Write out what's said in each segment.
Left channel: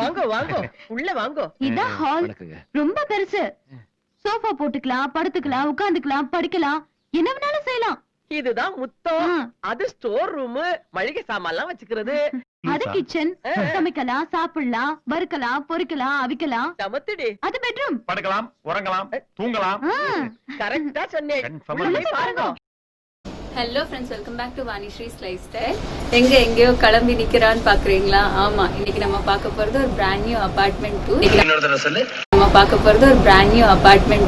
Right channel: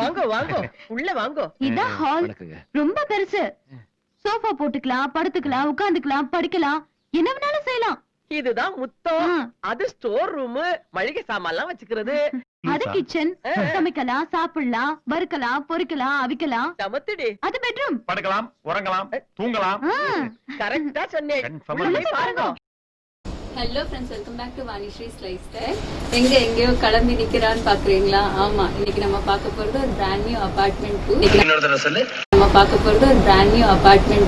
வாங்க வாங்க உள்ள வாங்க. இதான் ஹால். ரொம்ப பெருசு. சோஃபா போட்டுக்கலாம், படுத்துக்கலாம், உட்கார்ந்துக்கலாம், படிக்கலாம், என்ன வேணாலும் செய்யலாம். இதுதான் முத்தம். அது ஸ்டோர் ரூம், மளிகை சாமான்லாம் வச்சுக்கிறது. அது கிச்சன். சமைக்கலாம், சாப்பிடலாம், வறுக்கலாம், பொரிக்கலாம், அவிக்கலாம். சமத்துடி. அது பெட்ரூம். படுக்கலாம், உறங்கலாம், தூங்கலாம். கரெக்டா சொன்னேன். பாருங்க. Hello friends, welcome back to Vanishree's life style. எங்கேயோ கிளம்பி நிக்கிறான்னு பாக்குறீங்களா? ஆமா, இன்னைக்கு நம்ம பார்க்க போறது ஒரு பிராண்ட் நியூ அபார்ட்மெண்ட்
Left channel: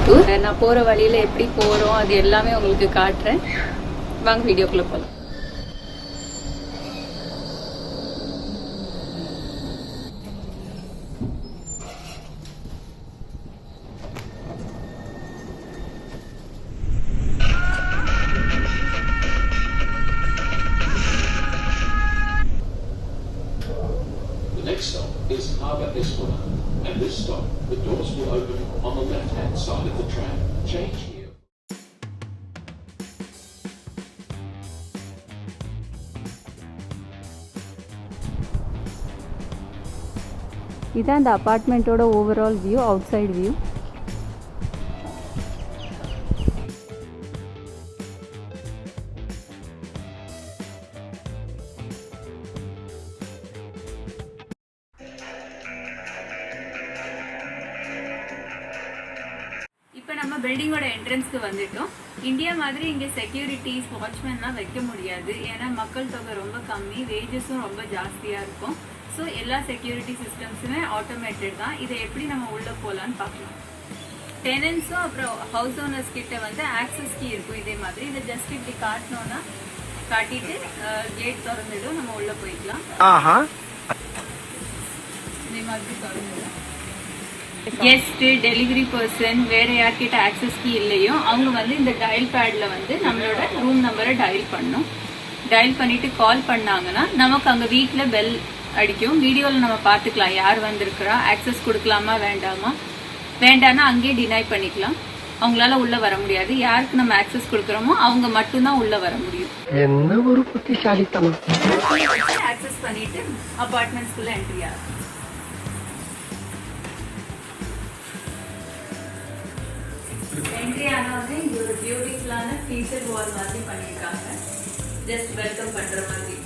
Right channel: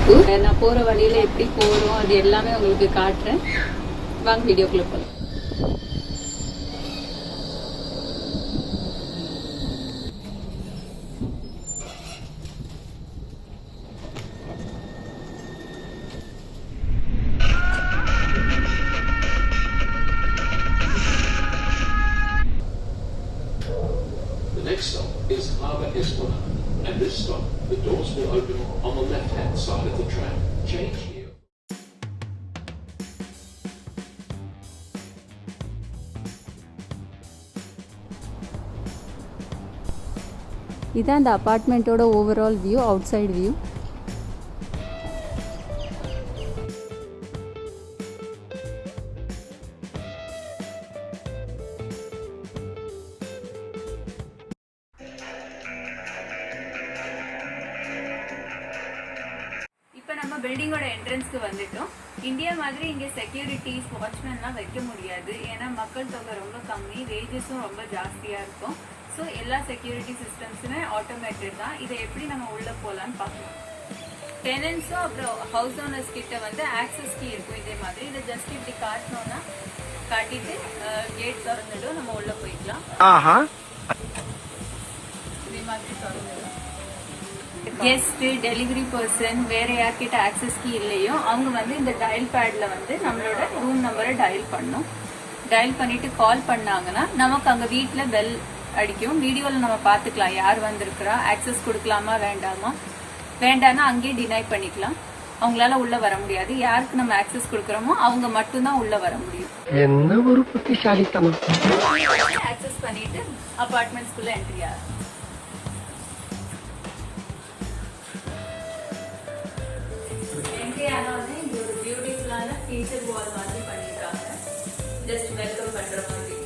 டூர். நான் போற வழியில எப்படி போறோம் அது எல்லாமே உங்களுக்கு காட்டுறேன். வாங்க வீடியோக்குள்ள போலாம். Next stop is Harbour Esplanade, and this stop, the doors will open on the left-hand side of the tram. Change here. இதான் இந்த அபார்ட்மெண்ட்டோட overall view, outside view. இப்போ நம்ம பில்டிங்கோட என்ட்ரன்ஸ்க்கு வந்துட்டோம். இந்தியா மாதிரி இங்கே செக்யூரிட்டிஸ், வாட்ச்மேன்லாம் வைக்க முடியாது. ஏன்னா மக்கள் தொகை ரொம்ப கம்மி, வேஜஸும் ரொம்ப ஜாஸ்தியாக இருக்கும். ஸோ எல்லா செக்யூரிட்டி சிஸ்டம்ஸுமே ஆட்டோமேட்டட் தான். இதை எப்படி நம்ம உள்ளே போகலான்னு பார்க்கலாம். டெனன்ஸும் அப்புறம் ஹவுஸ் ஓனர்ஸ் கிட்ட வந்து ஆக்சஸ் கீ இருக்கும் இதே மாதிரி. இதை ஜஸ்ட் இப்படி காட்டினோன்னா காட்டிட்டு கேட் திறந்துடும், நம்ம உள்ளே போய்க்கலாம். இதே மாதிரி திறந்துடும். கெஸ்ட், டெலிவரி பர்சன், வேற யார்கிட்ட ஆக்சஸ் கீ இல்லையோ அவங்க வந்து இந்த டயல் பேட்ல வந்து நம்மளோட ரூம் நம்பரை டயல் பண்ணும். டயல் பண்ணிட்டு கால் பண்ணாங்கன்னா நமக்கு அங்க வீட்டுல பெல் அடிக்கும். வீடியோல நம்ம பாத்துக்கலாம் யார் வந்திருக்கிறா, ஆக்சஸ் கொடுக்கலாமா வேண்டாமா. வேண்டாம்னா அங்கேயே டினை பண்ணிக்கலாம். அவங்களால உள்ள வர முடியாது. யாருக்கு நம்ம ஆக்சஸ் கொடுக்கறோமோ அவங்க மட்டும்தான் உள்ள வர முடியும். என்ன ஒரு புத்திசாலித்தனம். ஆக்சஸ் பண்ணிட்டு அபார்ட்மெண்ட்ஸ்குள்ள என்ட்ரி ஆகும். என்ட்ரி ஆனது இங்க ஒரு பியூட்டிஃபுல்லான ஃபீச்சர் வால் மாதிரி பண்ணிருக்காங்க. ஜஸ்ட் வெல்கம் பண்ற மாதிரி.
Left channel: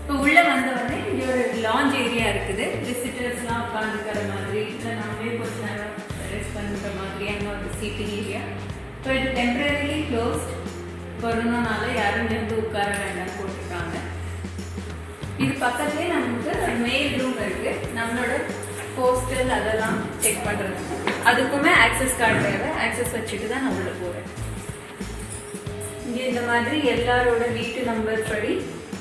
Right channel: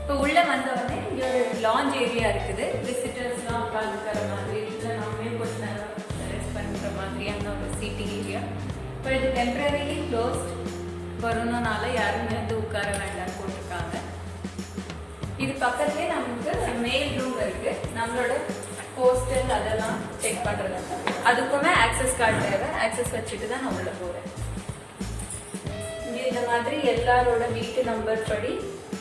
இப்போ உள்ள வந்தவொடனே இங்க ஒரு லாஞ்ச் ஏரியா இருக்குது. விசிட்டர்ஸ்லாம் உட்காந்துக்கிற மாதிரி, இல்லை நம்மளே கொஞ்ச நேரம் ரெஸ்ட் பண்ணுற மாதிரியான ஒரு சீட்டிங் ஏரியா. இப்போ இது டெம்பரரிலி க்ளோஸ்ட். கொரோனானால யாரும் இங்கே வந்து உட்கார வேண்டாம் போட்டிருக்காங்க. இது பக்கத்துலேயே நமக்கு மெயில் ரூம் இருக்கு. நம்மளோட போஸ்டல் அதெல்லாம் செக் பண்றது. அதுக்குமே ஆக்சஸ் கார்டு தேவை. ஆக்சஸ் வச்சுட்டு தான் நான் உள்ள போறேன். இங்க இந்த மாதிரி எல்லாரோட வீட்டு நம்பர் படி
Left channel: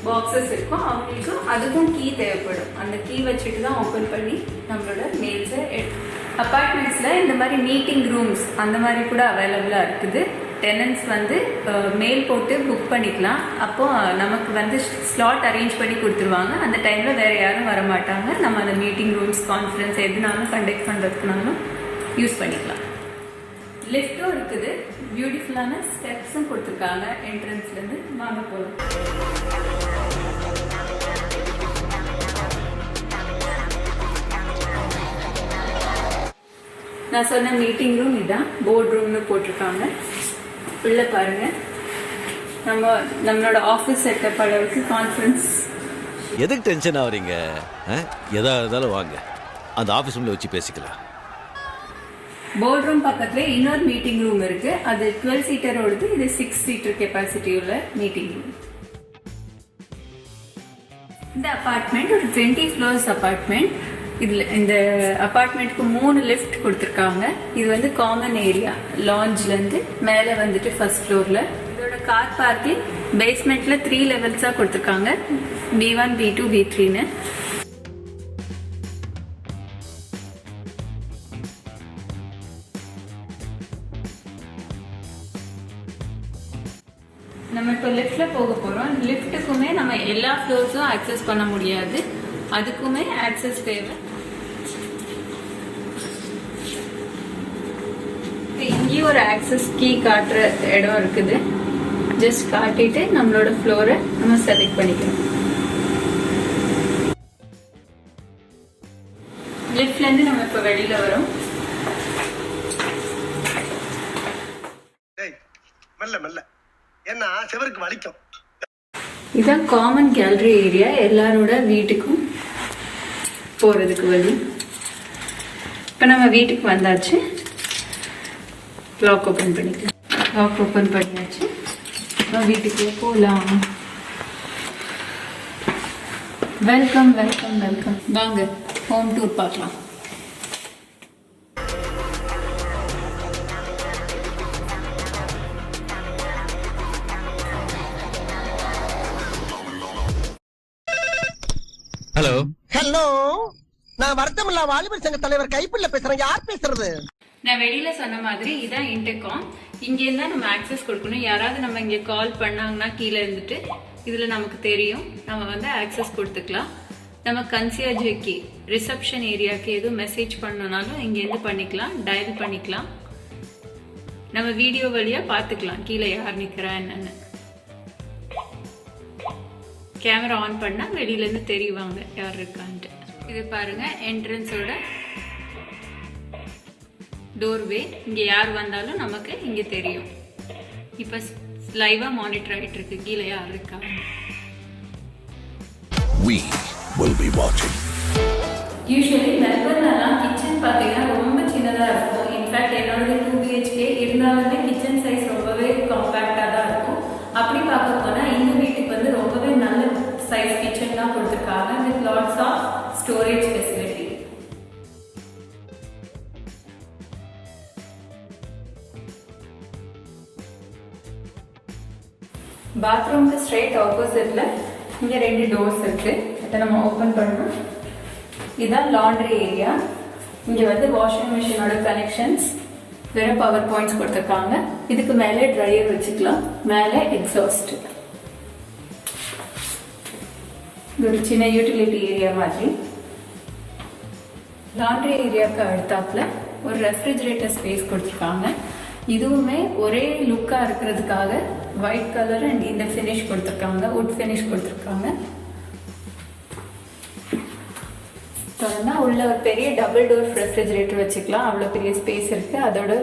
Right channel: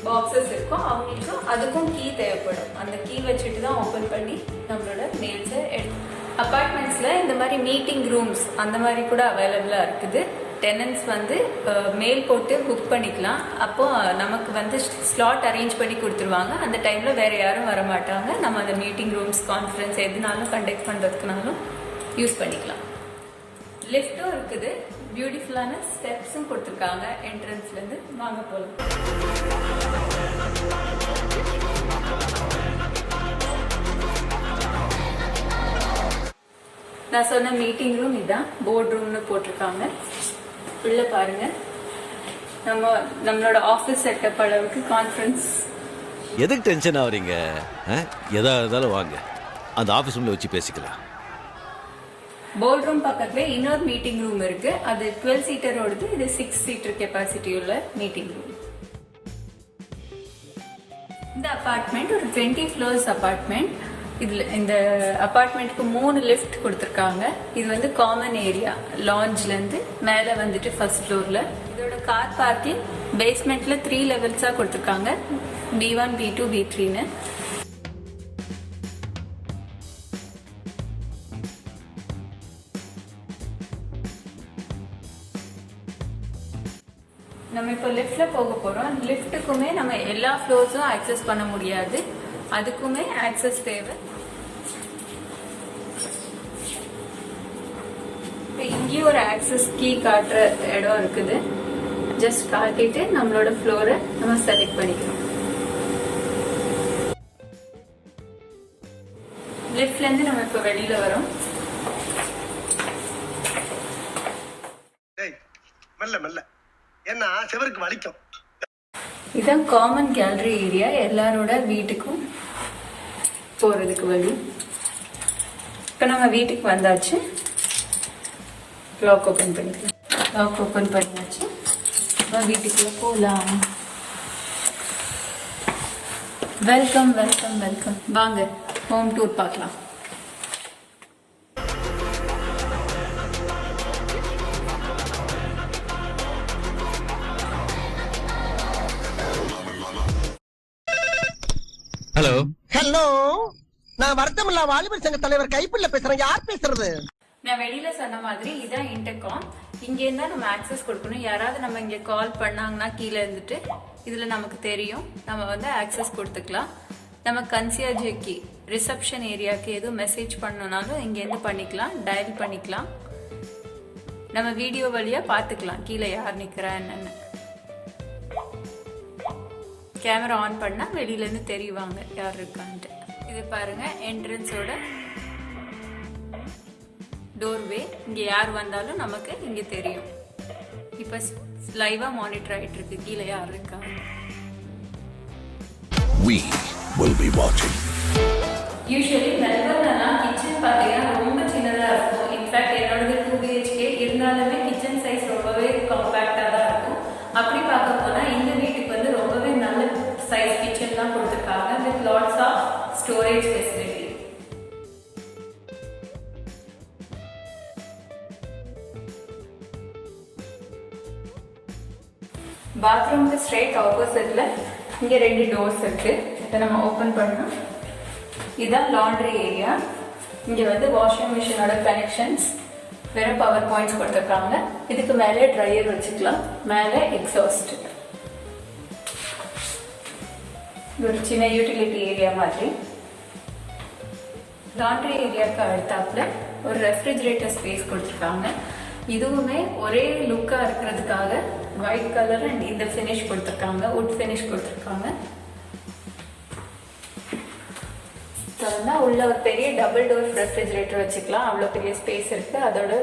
பாக்ஸஸ் இருக்கும். அவங்களுக்கும் அதுக்கும் கீ தேவைப்படும். அந்த கீ வச்சுட்டு தான் ஓப்பன் பண்ணி நம்மளோட மெயில்ஸை எடுக்கும். அபார்ட்மெண்ட்ஸ்ல இந்த மாதிரி மீட்டிங் ரூம்ஸ் அந்த மாதிரி கூட அவைலபிளா இருக்குது. டெனன்ஸ் வந்து மெயில் போட்டு புக் பண்ணிக்கலாம். அப்போ நமக்கு வந்து ஸ்லாட் அரேஞ்ச் பண்ணி கொடுத்துருவாங்க. அந்த டைம்ல வேற யாரும் வர மாட்டாங்க. நம்ம அந்த மீட்டிங் ரூம்ஸ், கான்ஃபரன்ஸ் எதுனாலும் கண்டக்ட் பண்றதுக்குனாலும் யூஸ் பண்ணிக்கலாம். லிஃப்டும் இருக்குது. பியூட்டிஃபுல்லான ஸ்டெப்ஸும் கொடுத்துருக்காங்க என்ட்ரன்ஸ்ல இருந்து. வாங்க போகலாம். நான் சொன்ன மீட்டிங் ரூம் இதான். போர்ட் ரூம்னு போட்டிருக்காங்க. உள்ள பாருங்க. நம்மளோட ஆபீஸ் செட்டப் அளவுக்கு கான்ஃபரன்ஸ். எதுக்கு டென்ஷன் ஆவறீங்க? எதா இருந்தாலும் வாங்க, அந்த ஆபீஸ் ரூம்ல வச்சு பேசிக்கலாம். போர்ட் ரூம் பக்கத்துல இன்னொரு மீட்டிங் ரூம் இருக்கு. அது 12 சீட்டரோடது. இது 6 சீட்டர் கெப்பாசிட்டி உள்ள மீட்டிங் ரூம். இந்த அபார்ட்மெண்ட் ஒரு 20 ஃப்ளோர்ஸ் அபார்ட்மெண்ட். இதுல இந்த அபார்ட்மெண்ட்க்கு 3 லிஃப்ட் கொடுத்துருக்காங்க. இது வந்து காமன் ஏரியா. லாஞ்ச்ல இருந்து மேல வந்துட்டு ஃபர்ஸ்ட் ஃப்ளோர்ல. இதோட கார் பார்க்கிங் பேஸ்மெண்ட்ல 3 லெவல்ஸா கொடுத்துருக்காங்க. B1, B2, B3ன்னு. நம்ம இப்போ லிஃப்ட்ல போக போறோம். லிஃப்ட்டுக்குமே நம்ம எல்லா ஃப்ளோர்ஸும் ஆக்சஸ் பண்ண முடியாது. அதுக்குமே ஆக்சஸ் தேவை. இங்கேயும் ஒரு ஆக்சஸ் கீ காட்டுற இடம் இருக்குது. ஜஸ்ட் காட்டிட்டு நம்மளோட ஃப்ளோரை நம்ம செலக்ட் பண்ணிக்கலாம். லிஃப்ட்ல இருந்து நம்ம இப்ப வெளியில வரோம். மெல்ல மெல்ல ஏன்னா செவருக்கு வலிக்கும். இதான் காமன் கேலரி ஏரியா, எல்லாரோட வீட்டுக்கும் போறதுக்கு வழி. இப்போ நம்ம வீட்டுக்கு வந்தாச்சு. லாக் ஓப்பன் பண்ணிக்கலாம். லாக் ஓப்பன் பண்ணியாச்சு. இப்போ வீட்டுக்குள்ள போகலாம். Welcome welcome welcome. வாங்க ஹோம் டூர் பார்க்கலாம். ஹலோ ஹலோ, நான் வருத்தமில்லா வாலிபர் சங்க தலைவர் கைப்பிள்ள பேசுறேன். யார் பேசுறது? நான் வெளியில சொன்ன மாதிரி இதான் இன்டர்காம். இங்க இருந்தா நம்ம ஆக்சஸ் கொடுக்கணும். யாராவது நம்ம இங்க கால் பண்ணாங்கன்னா கீழே இருந்துட்டு இதுல நமக்கு தெரியும், நம்ம வந்து ஆக்சஸ் கொடுத்துக்கலாம். நம்ம கன்சியர்ஜுக்கு ரிசப்ஷன் ஏரியாவுக்கு எதுவும் மெசேஜ் பண்ணனாலும் இங்க இருந்து பண்ணிக்கலாம், டயல் பண்ணிக்கலாம். நம்ம வீடியோ வழியா பாத்துக்கலாம் கீழே யார் நிக்கிறா என்னன்னு. கேமரா ஆன் பண்ணா வெளியில இருந்து தெரியுவாங்க யார் இருக்கான்ட்டு. இது பாருங்க என்ட்ரன்ஸோட டோர்வே. இங்க யார் வந்தாலும் நமக்கு இங்க தெரியும். இப்ப லைவா மானிட்டர் ஆயிட்டு இருக்கு கீழே யார் இருக்காங்க. We will be watching. Usually மெல்பர்ன்லாம் கிச்சன் பார்த்தீங்கன்னா ரொம்ப சின்னதாக இருக்கும். இன்ஃபேக்ட் என்னோடது 2 BHK இருந்தாலுமே கிச்சன் சைஸ் ரொம்பவே காம்பேக்டாக தான் இருக்கும். அப்படி பார்க்க போனால் இந்த வீட்டுக்கு வந்து ரொம்பவே நல்ல சைஸ் கிச்சன் தான் கொடுத்துருக்காங்க with lots of storage facility. பாத்ரூம்க்கு ஸ்ட்ரெயிட் ஆப்போசிட்ல இங்க 2 டோர்ஸ் இருக்கு. இதை நம்ம ஓபன் பண்ணோம். இதான் லாண்ட்ரி ஏரியா. இங்க வந்து வாஷிங் மிஷினோட கனெக்ஷன்ஸ், வெறும் பவர் பாயிண்ட்ஸ் கொடுத்துருக்காங்க. இதுக்கு மேலே ட்ரையர் வச்சுக்கலாம், மேலே எக்ஸாஸ்ட். ஒரு சின்ன யூட்டிலிட்டி ஏரியா மாதிரி. லாண்ட்ரி ஏரியாவுக்கு அடுத்தாப்புல ஒரு ரெஃப்ரிஜரேட்டர் ஸ்பேஸ் கொடுத்துருக்காங்க. இதுவுமே ஒரே லுக்கா இருக்கிறதுக்காக ஒயிட் கலர் அண்ட் இந்த ஃபினிஷ் கொடுத்துருக்காங்க, வுட் ஃபினிஷ் கொடுத்துருக்காங்க. உள்ள ஒரு பெரிய டபுள் டோர் ரெஃப்ரிஜரேட்டர் வச்சுக்கலாம், அவ்வளோ பெரிய ஸ்பேஸ் இருக்கு. அதோட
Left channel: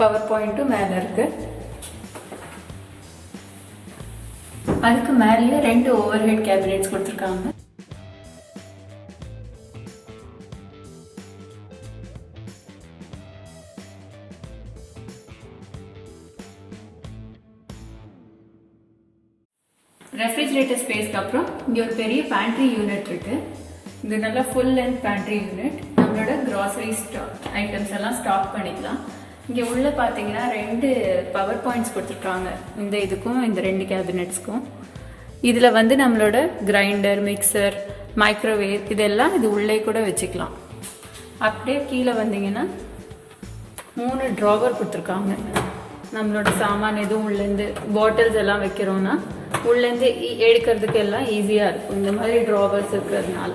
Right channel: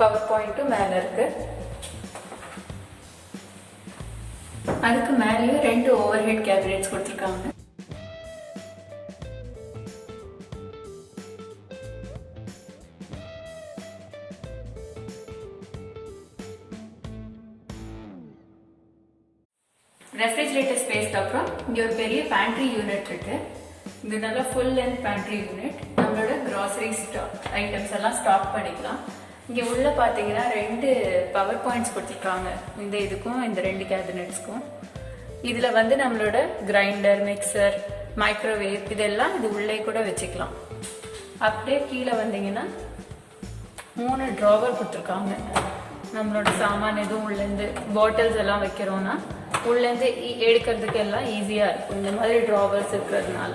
பவர் பாயிண்ட்டும் மேல இருக்கு. அதுக்கு மேலேயே 2 ஓவர் ஹெட் கேபினெட்ஸ் கொடுத்துருக்காங்க. ரெஃப்ரிஜரேட்டர் ஸ்பேஸ்க்கு அப்புறம் இங்க ஒரு பெரிய பேண்ட்ரி யூனிட் இருக்கு. இது நல்லா ஃபுல் லென்த் பேண்ட்ரி யூனிட். நம்மளோட கிராசரி ஸ்டாக் ஐட்டம்ஸ் எல்லாம் ஸ்டாக் பண்ணிக்கலாம். இங்கே உள்ள பார்த்தீங்கன்னா 2 பவர் பாயிண்ட்ஸ் கொடுத்துருக்காங்க, இந்த இதுக்கும் இந்த 2 கேபினெட்ஸ்க்கும். இதில் வந்து நம்மளோட கிரைண்டர், மிக்சர், மைக்ரோவேவ் இதெல்லாம் இது உள்ளே கூட வச்சுக்கலாம். அப்படியே கீழே வந்தீங்கன்னா 3 ட்ராவர் கொடுத்துருக்காங்க. நம்மளோட சாமான் எதுவும் உள்ளேருந்து பாட்டில்ஸ் எல்லாம் வைக்கிறோன்னா உள்ளேருந்து எடுக்கிறதுக்கு எல்லாம் ஈஸியாக இருக்கும் இந்த மாதிரி ட்ராவர்ஸ் இருக்கிறதுனால.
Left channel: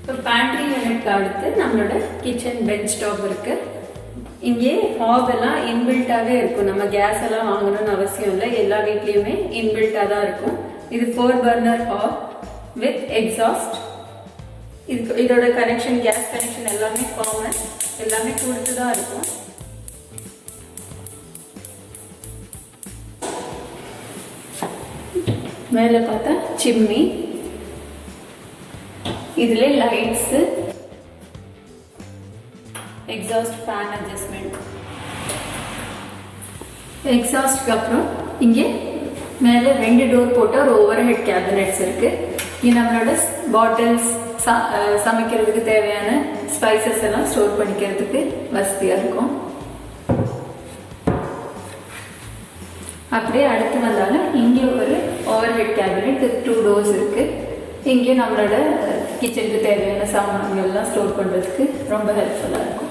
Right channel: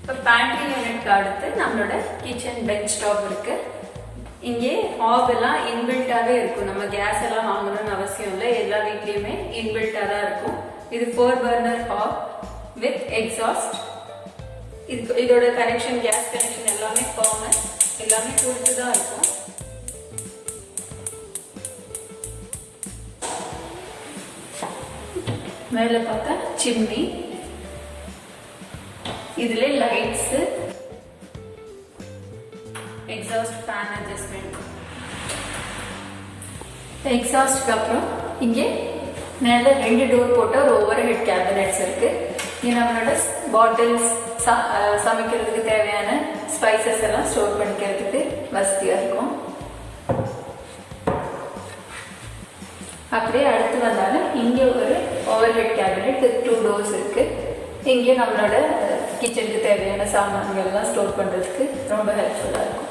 இப்போ பேண்ட்ரி யூனிட்க்கு அடுத்து நம்மளோட கிச்சன் பெஞ்ச் டாப் இருக்கு. இங்கே ஹாப் எல்லாம் இன்பில்ட்டாவே இருக்கும். நம்ம கேஸ் எல்லாம் வாங்கணும்னு அவசியம் இல்லை, எல்லா வீட்லயுமே இன்பில்ட்டா தான் இருக்கும். இது 4 பர்னர் ஹாப் வித் எக்ஸாஸ்ட். இதோட கனெக்ஷன், கேஸ் கனெக்ஷன் எல்லாமே காமன், எல்லாமே கொடுத்து தான் இருக்கும். மேல பார்த்தா சிம்னி, இதுல லைட்ஸ், எக்ஸாஸ்ட் ஃபேன் அட்ஜஸ்ட்மெண்ட். எக்ஸாஸ்ட்க்கு அப்புறம் இங்கே மேல 2 டோர் போட்ட ஒரு ஓவர் ஹெட் கேபினெட்ஸ் இருக்கு. இங்க நம்மளோட பாட்டில்ஸ், சமைக்கிறதுக்கு தேவையான ஸ்பைசஸ் எல்லாம் ஸ்டோர் பண்ணிக்கிறதுக்கு வசதியா இருக்கும். அப்படியே அடுத்து வந்தாலும் இங்கே ஒரு over head cabinet with 2 doors இருக்கு. இங்கே நம்மளோட கிச்சனுக்கு தேவையான சாமான்கள் எல்லாம் ஸ்டோர் பண்றதுக்கு ரொம்ப ஹெல்ப்ஃபுல்லா இருக்கும்.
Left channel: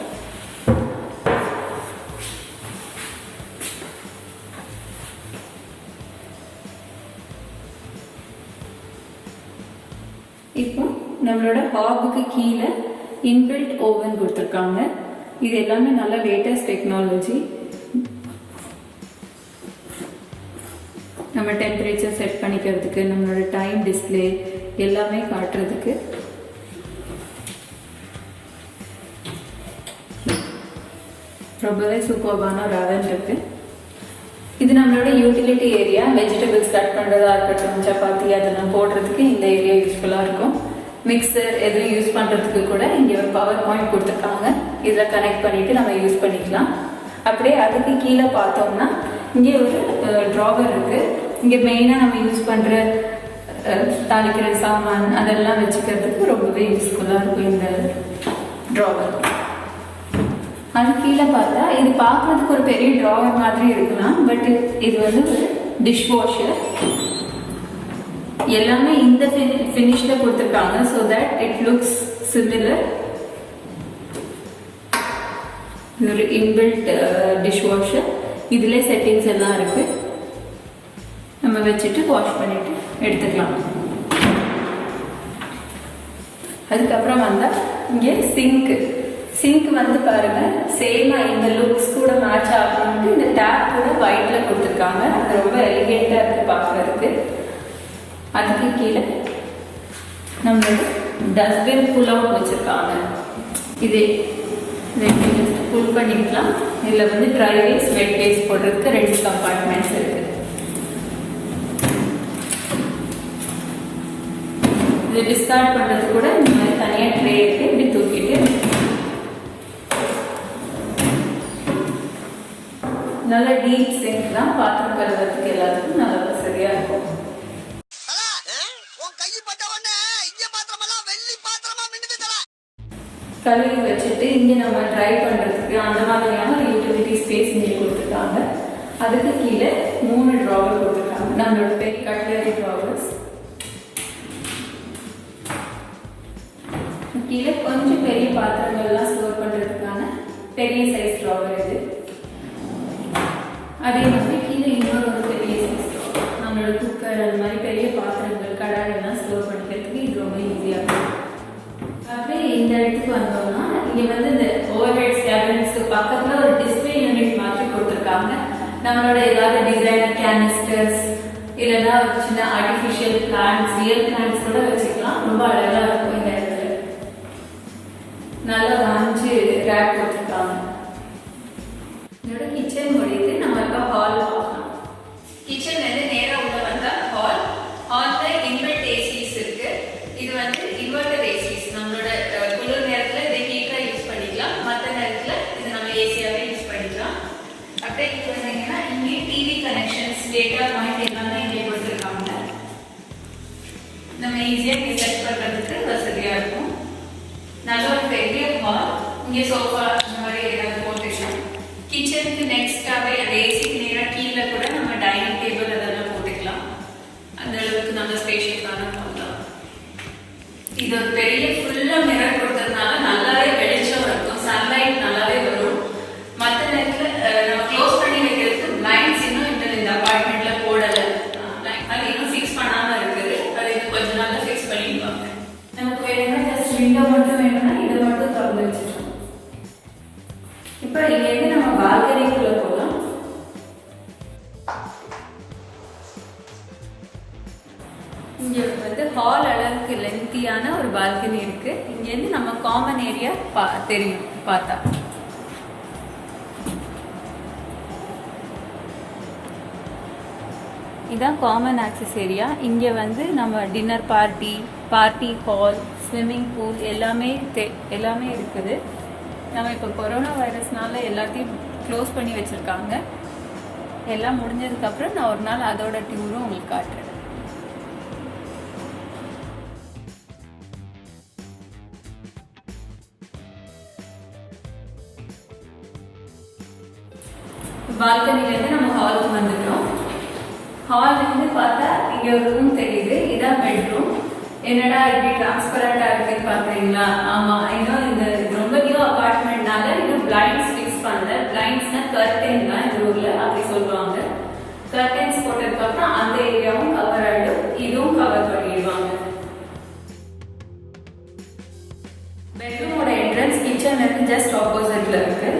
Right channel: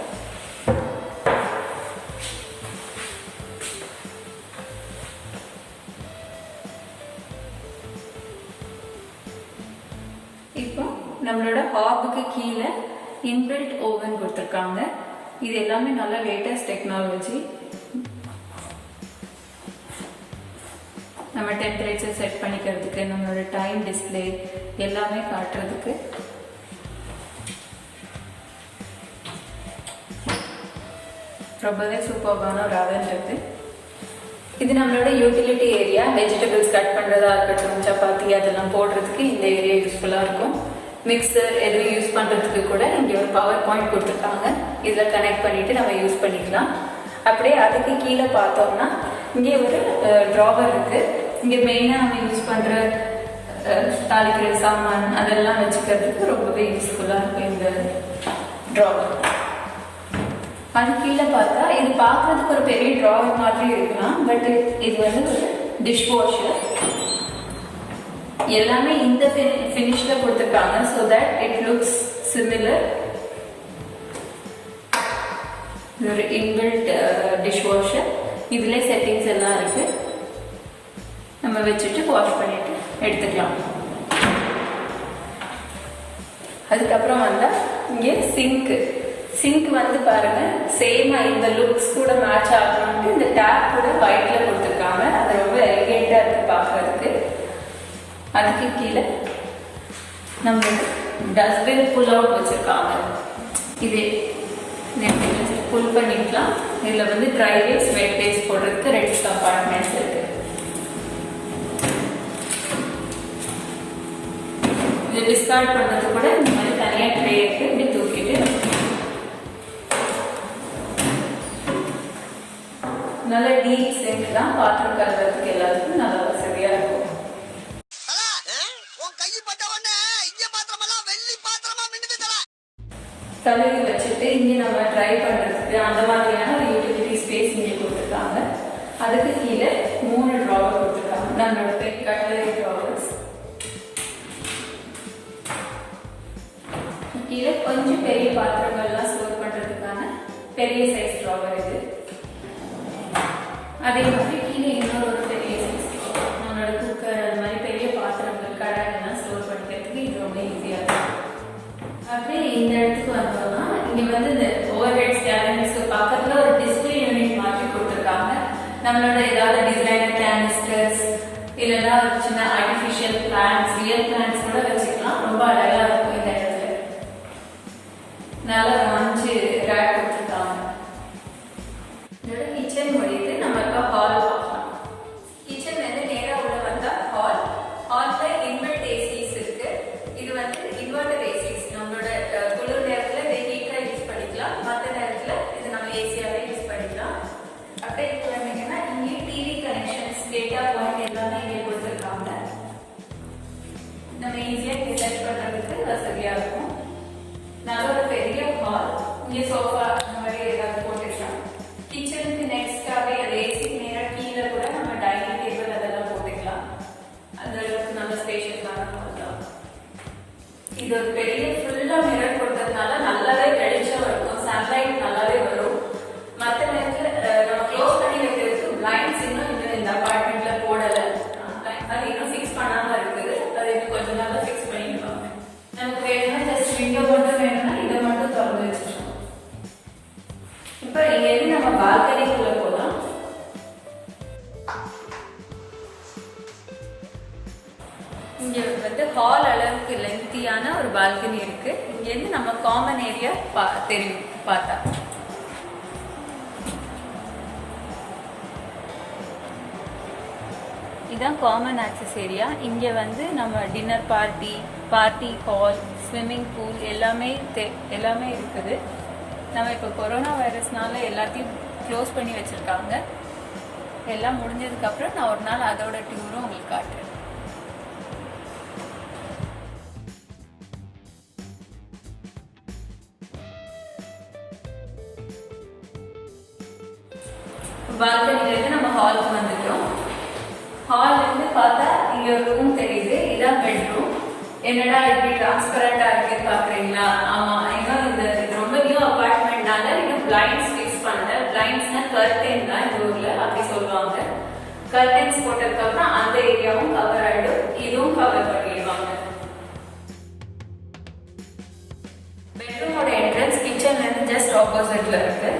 இப்போ நம்மளோட ஹாபுக்கு கீழே இன்பில்ட் ஓவன் கொடுத்துருக்காங்க. இது எல்லாமே நல்ல லேட்டஸ்ட் டெக்னாலஜி. நம்ம டெம்பரேச்சர் செட் பண்ணிக்கிறதுக்கு, நம்மளோட டைம் டிஸ்பிளே எல்லாமே காட்டுறதுக்கு. ரொம்பவே சூப்பர்பான ஒரு அவன் இருக்கு. இது நம்மளோட யூட்டிலிட்டி ஏரியா. வெஜிடபிள்ஸ் கட் பண்றதா இருக்கட்டும், சப்பாத்தி அதெல்லாம் போடுறதுக்கு இந்த ஏரியா யூஸ்ஃபுல்லா இருக்கும். மிக்சர் எதுவும் யூஸ் பண்றதுக்கு கூட இங்க ஒரு பவர் பாயிண்ட் கொடுத்துருக்காங்க. இதுல கனெக்ட் பண்ணிட்டு நம்ம யூஸ் பண்ணிக்கலாம். அப்படியே அதுக்கு கீழே பார்த்தோம்னா இங்கே ஒரு டிராவர் இருக்கு. இங்க மெயினா நம்ம யூஸ் பண்ற தாளிக்கிற சாமான் அதெல்லாம் வச்சுக்கிறதுக்கு ரொம்பவே யூஸ்ஃபுல்லா இருக்கும் இந்த டிராவர். அது கீழே பார்த்தா இது பார்க்கறதுக்கு ஒரு பெரிய டிராவர் மாதிரி இருக்கலாம். பட் இது வந்து ஒரு டிஷ் வாஷர். எல்லாமே இந்த ஃபினிஷ்ல கொடுத்துருக்காங்க. So that it looks similar. ஒரு இன்பில்ட் டிஷ் வாஷர். இதுல செட்டிங்ஸ் எல்லாம் இருக்கு. நம்ம வச்சுட்டு வாஷ் பண்ணிட்டு எடுத்துக்கலாம். அதுக்கப்புறம் வந்தா இங்கே சிங்க் வந்து பாருங்க, சேமா இந்த லுக்ஸ் கூட மேட்ச் ஆகணும்னு இந்த டேப் கூட ஒயிட்ல கொடுத்துருக்காங்க. அது ரொம்ப எலிகேட்டா இருக்கு பார்க்கறதுக்கு. அதுக்கு கீழே நம்ம டஸ்ட்பின் புல் அவுட் வச்சிருக்காங்க. இது புல் பண்ணிக்கலாம். இதுல வந்து ட்ரை வேஸ்ட், வெட் வேஸ்ட் போடுறதுக்கு 2 கம்பார்ட்மெண்ட்ஸ் இருக்கு. இது டிஸ்கார்ட் பண்றது கூட இந்த மாதிரி தனியா ட்ரே இருக்கு. இப்படி தூக்கிட்டு நல்ல டீப் சிங்க் தான். பாத்திரம் கழுவுறதுக்கு எல்லாத்துக்கும் நல்ல வசதியா இருக்கும். கழுவி வச்சுட்டு இங்க நம்ம ட்ரை பண்றதுக்கு அந்த மாதிரியான ஒரு யூட்டிலிட்டி ஸ்பேஸ் இங்கே கொடுத்துருக்காங்க. அதுக்கு கீழே 3 டிராவர் கொடுத்துருக்காங்க. நம்மளோட பெரிய கட்லரி டிராவர்ஸ். கீழே கொஞ்சம் பெரிய பாத்திரங்கள்லாம் ஸ்டோர் பண்றதுக்கான பெரிய சைஸ் டிராவர் இது. அதே மாதிரி கீழே இன்னொரு பெரிய சைஸ் நம்மளோட குக்கர் அது மாதிரி பெரிய பாத்திரங்கள் கடாய் எல்லாம் ஸ்டோர் பண்ணிக்கிறதுக்கு இது ரொம்ப ஈஸியா இருக்கும். அப்படியே இந்த இடத்துக்கு வந்தோம்னா இங்க வந்து இந்த ஓவர் ஹெட் கேபினட்ஸ்க்கு பக்கத்துல ஒரு டிஸ்பிளே யூனிட் மாதிரி கொடுத்துருக்காங்க. நம்மளோட ஏதாவது டிசைனர் கேனிஸ்டர்ஸ் இல்லைன்னா ஒரு சின்ன ஆர்டிபிஷியல் பிளான்ட்ஸ், ரியல் பிளான்ட்ஸ் கூட வச்சுக்கலாம். ரொம்ப அழகா இருக்கும். இந்த இடத்துல நல்லா 5 ரேக் கொடுத்துருக்காங்க. இதோட கிச்சன் முடியுது. நம்ம இப்போ ஹால் பார்க்கலாம். கிச்சன் வந்து நேரா உள்ள வந்தா ஹால். ஹால்ல இன்வெர்ட் ஏசிஸ் இருக்கு. இது வந்து இன்வெர்டர் ஏசிஸ். நம்மளோட குளிர் நேரத்துல இதை ஹீட்டரா யூஸ் பண்ணிக்கலாம். மற்ற நேரத்துல இது நம்ம ஏசியாவே யூஸ் பண்ணிக்கலாம். அப்படியே இங்க வந்தீங்கன்னா இங்கே டிவி கனெக்ஷன்ஸ், டேட்டா பாயிண்ட் எல்லாமே இங்கே கொடுத்துருக்காங்க. நம்ம ஈஸியா செட் பண்றதுக்கு வசதியா இருக்கும். நல்ல ஒரு பெரிய ஹால். இங்கே சோஃபா அந்த மாதிரி ஏதாவது போட்டுக்கலாம். கிச்சனுக்கு நெக்ஸ்டாவே அந்த ஏசிக்கு நேராக கீழே கூட நம்ம டைனிங் டேபிள் அதெல்லாம் போட்டுக்கலாம். அந்த அளவுக்கு நல்ல ஸ்பேஷியஸான ஹால் தான். இது ஒரு பெரிய ஃபுல்லா மிரர் கொடுத்ததுனால நல்லாவே வெளிச்சம் இருக்கும். சன்லைட் நல்லாவே வரும். மற்ற நேரத்துல நம்ம க்ளோஸ் பண்ணி வைக்கிறதுக்கு பிளைண்ட்ஸ் இன்னும் இந்த அபார்ட்மெண்ட்ல போடல. அது இன்னும் ஃபிக்ஸ் பண்ணாம இருக்குது. அது இன்னும் கொஞ்ச நாள்ல ஃபிக்ஸ் பண்ணிடுவாங்க. நமக்கு வேணும்னா ஜஸ்ட் விண்டோ மட்டும் வேணும்னா இதை மட்டும் திறந்து வச்சுக்கலாம். இப்போ இங்க இருந்து நம்ம பால்கனிக்குள்ள போகலாம். இங்க வந்து ஹால் அளவுக்கு லென்த்தியான ஒரு பால்கனி இருக்கு. இங்க இருந்து நம்ம காமன் ஏரியா தெரியும் பார்த்தா. இதான் காமன் ஆக்சஸ் ஏரியா. இங்க வந்து நம்ம dinner party hall, swimming pool எல்லாமே இருக்குது. நம்ம இப்போ கொரோனா வைரஸ்னால எல்லாத்தையும் க்ளோஸ் பண்ணி வச்சிருக்காங்க. எல்லாம் முடிஞ்சதுக்கு அப்புறம் நான் ஒரு நாள் அதோட டூரும் உங்களுக்கு காட்டுறேன். பால்கனில இருந்து நம்ம ஹாலுக்கு வந்துட்டோம். ஹால்ல இருந்து பார்த்தா இங்க ஒரு ரூம் தெரியுது. இதான் பெட்ரூம். என்னடா இப்படி டிரான்ஸ்பரண்டா இருக்குன்னு பாக்குறீங்களா? ஆமா, ஏன்னா இந்த ரொம்ப நியூ அபார்ட்மெண்ட்னால இன்னும் பிளைண்ட்ஸ் ஃபிக்ஸ் பண்ணல. பிளைண்ட்ஸ்னா கர்டன் தான் இந்த ஊர்ல அப்படி சொல்லுவாங்க. கர்டன்ஸ் போட்டதுக்கு அப்புறம் அந்த ஏரியாவும் கவர் ஆயிடும், இதுவும் கவர் பண்ணிடுவாங்க. பெட்ரூமோட ஆப்போசிட்ல இருக்கு.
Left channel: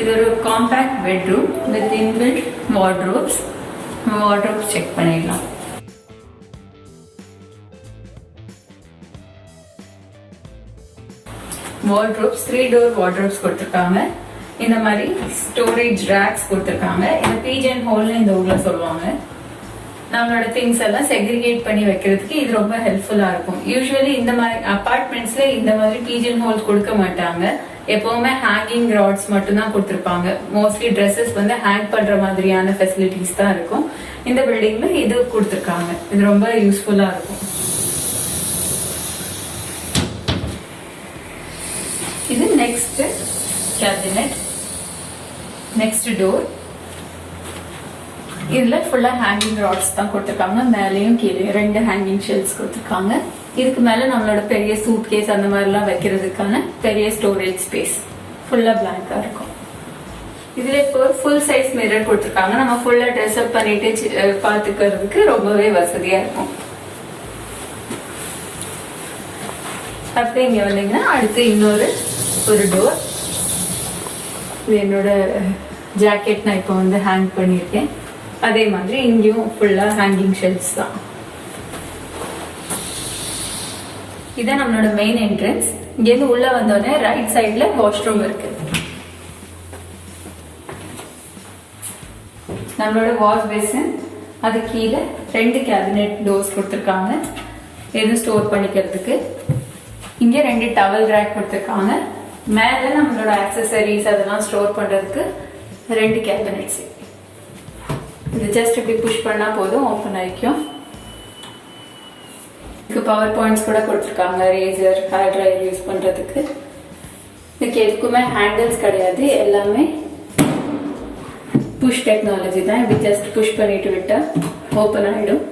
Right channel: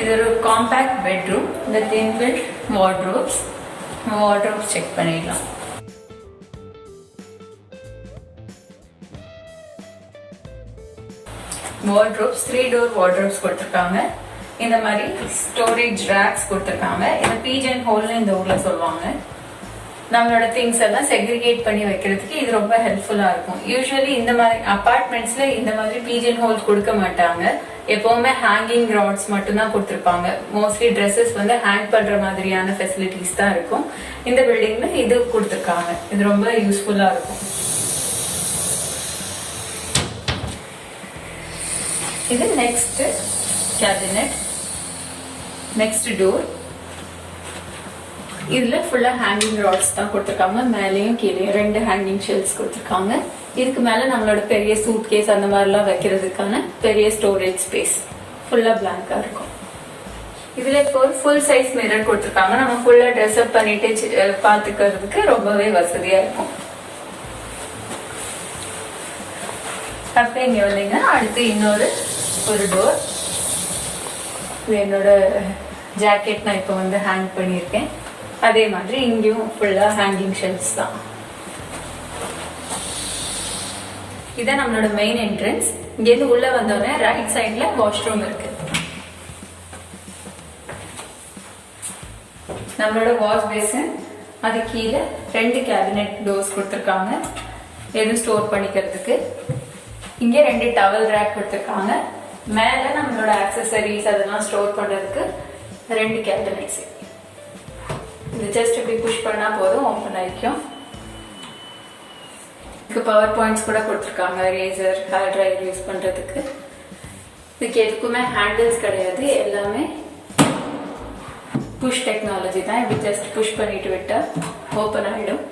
இது ஒரு compact bedroom with inbuilt wardrobes. Wardrobes check பண்ணிடலாம். வார்ட்ரோப்ஸ் 3 டோர் வார்ட்ரோப்ஸ் கொடுத்துருக்காங்க. இந்த மாதிரி ஸ்டோரேஜ் ரேக்ஸ் கொடுத்துருக்காங்க. இந்த பீஜன் ஹோல்னு இந்த ஊர்ல சொல்லுவாங்க. நம்மளோட திங்ஸ் எல்லாம் செக்ரிகேட் பண்ணி வைக்கிறதுக்கு இது ரொம்ப ஹெல்ப்ஃபுல்லா இருக்கும். யூஸ்வலி இந்த மாதிரி அபார்ட்மெண்ட்ஸ்ல இந்த மாதிரி பீஜன் ஹோல் கொடுக்க மாட்டாங்க. எப்பவுமே ஹேங்கிங் ராட்ஸ் மட்டும் தான் கொடுத்துருப்பாங்க. மோஸ்ட்லி ட்ரெஸ்ஸஸ் வந்து ஹேங் பண்ற மாதிரியான ஃபெசிலிட்டிஸ் தான் இருக்கும். இந்த பில்டிங்ல இது கொடுத்துருக்காங்க. இது ரொம்ப யூஸ்ஃபுல்லா இருக்கும். இது நெக்ஸ்ட் கேபினெட், நெக்ஸ்ட் டோர். இதுல ஃபுல்லா ஹேங்கிங் ராட்ஸ் தான் கொடுத்துருக்காங்க. மேலேயும் கீழே 2 ஹேங்கிங் ஷெல்ஃப்ஸ் கொடுத்துருக்காங்க. இதுக்கு மேல நம்மளோட பெரிய சூட் கேஸ் அந்த மாதிரி எல்லாம் வைக்கிறதுக்கான பெரிய ஸ்டோரேஜ் ஸ்பேஸ். ஃபுல்லா பிளாங்கா இருக்கும். இதுல இப்போ ஃபுல் சைஸ் மிரர் கொடுத்துருக்காங்க. நம்ம ஃபுல்லா ட்ரெஸ் அப் பண்ணிட்டு பாத்துக்கிறதுக்கு ரொம்பவே வசதியா இருக்கும். அடுத்து இங்க வந்தீங்கன்னா அடுத்து இன்னொரு ஒரு டோர். இது என்னோட ஜாக்கெட் நான் இப்போ வந்து ஹேங் பண்ணியிருக்கேன். அதே மாதிரி இங்கேயும் ஃபுல்லா ஹேங்கிங் ஷெல்ஃப்ஸ் தான். இதான் நம்மளோட மெயின் என்ட்ரன்ஸ். இங்கேருந்து உள்ள வந்தோடனே ரைட் சைட்ல வாஷ்ரூம் இருக்கு. நம்மளோட வாஷ் பேசின், அது கீழே 2 கேபினெட் டோர்ஸ் கொடுத்துருக்காங்க எதுவும் ஸ்டோர் பண்ணிக்கிறதுக்கு. இங்க 2 டவல் ரேக் கொடுத்துருக்காங்க. மேல நம்மளோட ஆக்சசரிஸ் அதெல்லாம் ஸ்டோர் பண்றதுக்கு 2 கேபினெட்ஸ். இது ஜஸ்ட் இப்படி புஷ் பண்ணா போதும், ஓபன் ஆயிக்கும். பவர் பாயிண்ட்ஸ் கூட கொடுத்துருக்காங்க. ரேசர், ஹேர் ட்ரையர் யூஸ் பண்றதுக்கு. இதுக்கு எதுக்குமே ஹேண்டில்ஸ் கிடையாது. எல்லாமே புஷ் டெக்னாலஜி தான். இப்படி ஜஸ்ட் புஷ் பண்ணிட்டு விட்டா ஓபன் ஆயிடும்.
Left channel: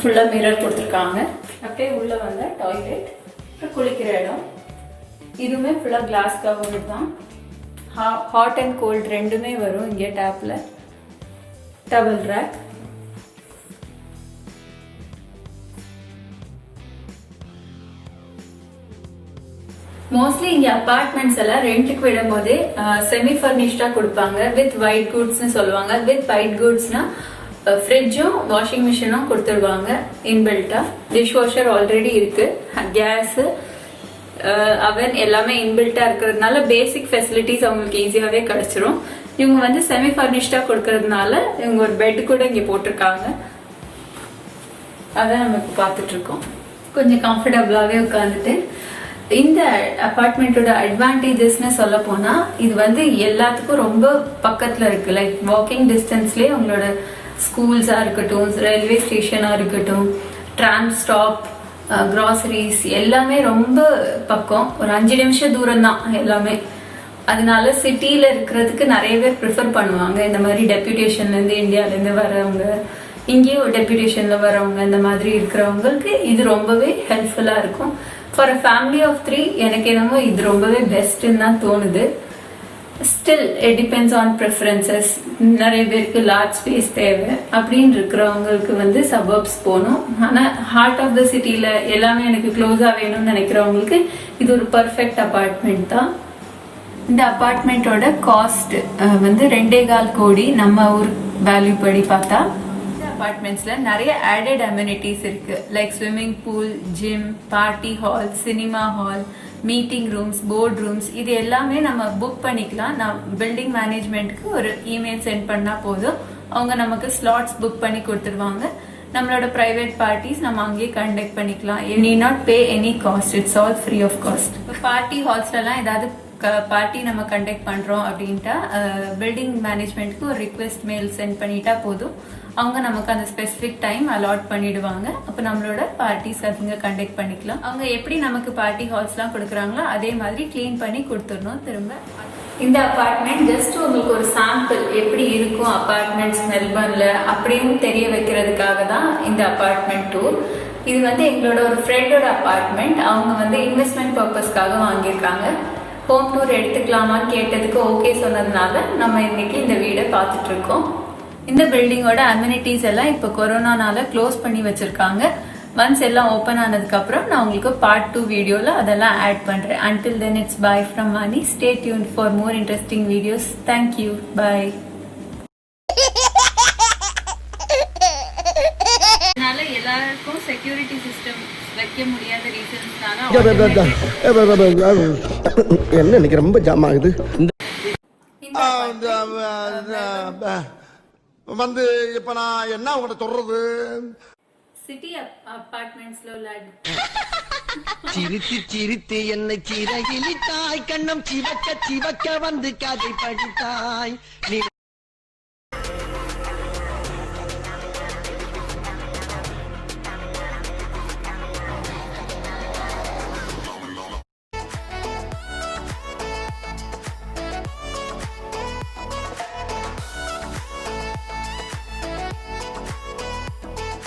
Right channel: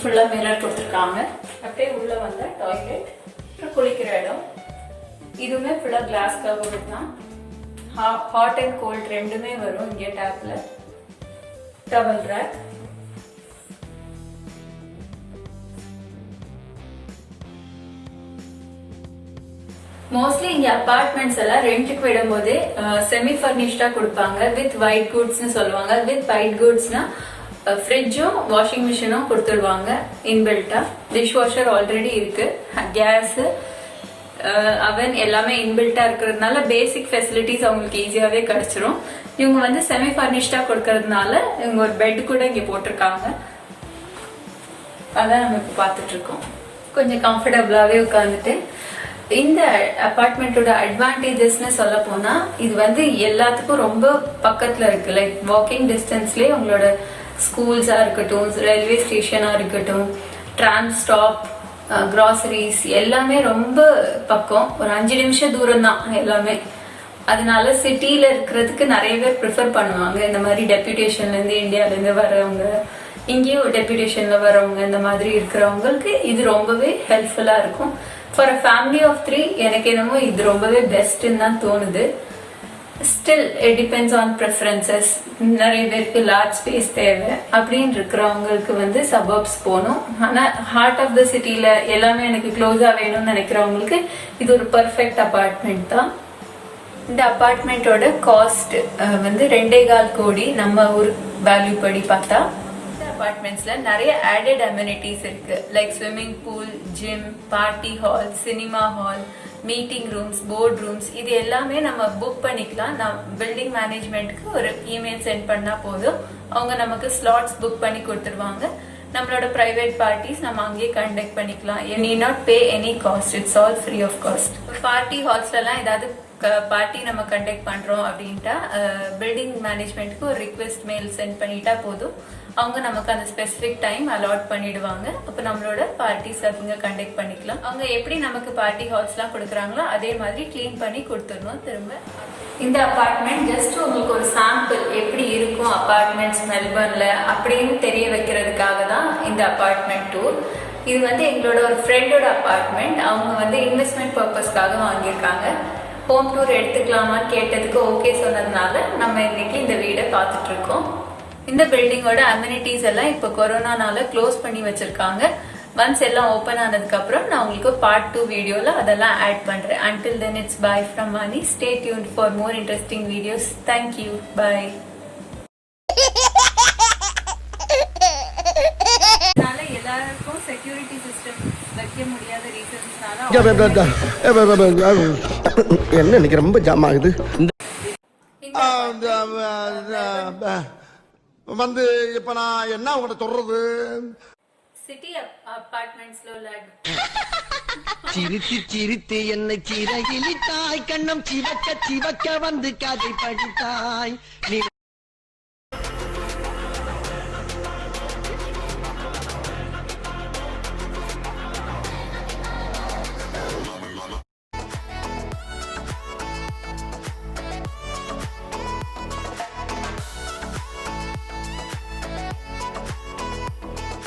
ஃபுல்லா மிரர் கொடுத்துருக்காங்க. அப்படியே உள்ள வந்த டாய்லெட், குளிக்கிற இடம். இதுவுமே ஃபுல்லா கிளாஸ் கவர் தான். ஹாட் அண்ட் கோல்ட் ரெண்டுமே வரும் இங்கே டேப்ல. Towel rack. மோஸ்ட்லி இங்க அபார்ட்மெண்ட்ஸ் எல்லாம் ரெண்டுக்கு விடும்போது செமி பர்னிஷ்டா கொடுப்பாங்க. வித் ஒயிட் குட்ஸ்னு சொல்லுவாங்க. வித் ஒயிட் குட்ஸ்னா ஃப்ரிட்ஜும் வாஷிங் மிஷினும் கொடுத்துருவாங்க இன்பில்ட்டா. டிஷ் வாஷர் ஆல்ரெடி இருக்கு. கேஸ், அவன் எல்லாமே இன்பில்ட்டா இருக்கிறதுனால பேசிக் ஃபெசிலிட்டிஸ் அவங்களுக்கு ஈஸியாவே கிடைச்சிரும். இவங்க வந்து செமி பர்னிஷ்டா கொடுக்கறதுனால இவங்க ஒரு பெட் கூட இங்க போட்டிருக்காங்க. அதான் நம்ம இப்ப பாத்துட்டு இருக்கோம். கொஞ்சம் கம்ஃபர்டபுளாவே உட்காந்துட்டு. இந்த அபார்ட்மெண்டோட அட்வான்டேஜஸ்னு சொல்ல போனா இது வந்து எல்லாத்துக்கும் ரொம்ப பக்கத்துல இருக்கு. லைக் வாக்கிங் டிஸ்டன்ஸ்லயே உங்களோட ஸ்கூல்ஸா இருக்கட்டும், ரயில்வே ஸ்டேஷனா இருக்கட்டும், டிராம் ஸ்டாப், கிராசரிஸ் எல்லாமே ரொம்ப பக்கம். ஒரு 5 நிமிஷம் தூரம் தான் எல்லாமே. அதனால சிட்டியில இருக்கிறதுக்கு நிறைய பேர் ப்ரிஃபர் பண்ணுவாங்க. இந்த மாதிரி டெப்யூட்டேஷன்ல இருந்து, இந்தியால இருந்து வரவங்க, இங்கேயும் டெப்யூட்டேஷன்ல வரவங்க, இந்த மாதிரி இருக்கிறவங்களுக்கு இது ரொம்பவே ஹெல்ப்ஃபுல்லா இருக்கும். ஃபார் அ ஃபேமிலி ஆஃப் 3 எனக்கு என்னமோ இது ரொம்பவே பெஸ்ட்ன்னு தான் தோணுது. Still it depends on preferences. நிறைய பேருக்கு லார்ஜ் ஸ்பேஸ் தேவை அப்படின்னு இருக்கிறவங்களுக்கு வந்து சபர்ப்ஸ் போகணும். ஆனால் ஹார்ட் ஆஃப் த சிட்டியில எல்லாமே எனக்கு க்ளோஸா வேணும்னு நினைக்கிறவங்களுக்கு இது ஒரு பர்ஃபெக்ட் அபார்ட்மெண்ட் தான். இந்த அபார்ட்மெண்ட்டோட காஸ்ட் வந்து 2.25 கோடி நம்ம ஊர் வேல்யூ படி பார்த்தா. அபார்ட்மெண்ட்ஸ்ல நிறைய ஆடட் அமெனிட்டிஸ் இருக்கு. Like swimming pool, gym, party hall, cinema hall, meeting rooms, board rooms, இது எல்லாமே நம்ம புக் பண்ணிக்கலாம். நான் பில்டிங் மேனேஜ்மெண்ட்க்கு ஒரு இமெயில் சென்ட் பண்ணா போதும், அவங்க நமக்கு ஸ்லாட்ஸ் புக் பண்ணி கொடுத்துருவாங்க. நம்மளோட பிரைவேட் பார்ட்டிஸ் நம்ம அங்கேயே கண்டக்ட் பண்ணிக்கலாம். Need not pay any cost, it's all free of cost. Party ஹால்ஸ்லாம் ஏதாவது பார்ட்டி நம்ம கண்டக்ட் பண்றோம் அப்படின்ட்டா பில்டிங் மேனேஜ்மெண்ட்க்கு ஒரு ரிக்வெஸ்ட் மெயில் சென்ட் பண்ணிட்டா போதும், அவங்க நமக்கு அந்த ஸ்பெசிபிக் டைம் அலாட் பண்ணிடுவாங்க. அப்போ நம்மளோட பார்ட்டிஸ் அவங்க கண்டக்ட் பண்ணிக்கலாம். அவங்க எப்படி நமக்கு பார்ட்டி ஹால்ஸ்லாம் கொடுக்குறாங்களோ அதே மாதிரி கிளீன் பண்ணி கொடுத்துடணும் திரும்ப. இந்த அபார்ட்மெண்ட் ஜஸ்ட் உங்களுக்கு ஒரு சாம்பிள் எப்படி இருக்கும் அபார்ட்மெண்ட்ஸ் மெல்பர்ன்ல அப்படின்னு தெரிய வைக்கிறதுக்காக தான் இந்த அபார்ட்மெண்ட் டூர். இது வந்து எங்களோட ஒரு ஃப்ரெண்டோட அபார்ட்மெண்ட். அவங்க வந்து இன்வெஸ்ட்மெண்ட் பர்பஸ்க்காக வாங்கியிருக்காங்க. ஹோம் டூர் எடுத்துக்கலாமான்னு கேட்டதுக்கு ஓகே சொன்னதுனால நம்ம இன்னைக்கு இந்த வீடை பார்த்துட்டு இருக்கோம். இந்த பில்டிங்கோட அம்யூனிட்டிஸ் எல்லாம் இப்போ கொரோனானால க்ளோஸ் பண்ணி வச்சிருக்காங்க. ஒன்ஸ் எல்லாம் ஓபன் ஆனதுக்கு அப்புறம் நான் உங்களுக்கு பார்ட் 2 வீடியோல அதெல்லாம் ஆட் பண்றேன். until then it's bye from Mani. Stay tuned for more interesting videos. Thank you. Bye. அதனால எல்லாருக்கும் செக்யூரிட்டி சிஸ்டம் வைக்க முடியாத ரீசன்ஸ்னால என்ன இன்னைக்கு ரொம்ப ஜாம் ஆகுது. வந்து இப்ப நான் என்ன உங்கள்ட்ட சொல்றது, சிட்டி அபார்ட்மெண்ட்ஸ்ல உள்ள சிரித்து சிரித்து என்னை சிறகிலிட்டாய், கண்ணம் சிவக்க சிவக்க வந்து கதை படித்தாய் நீ.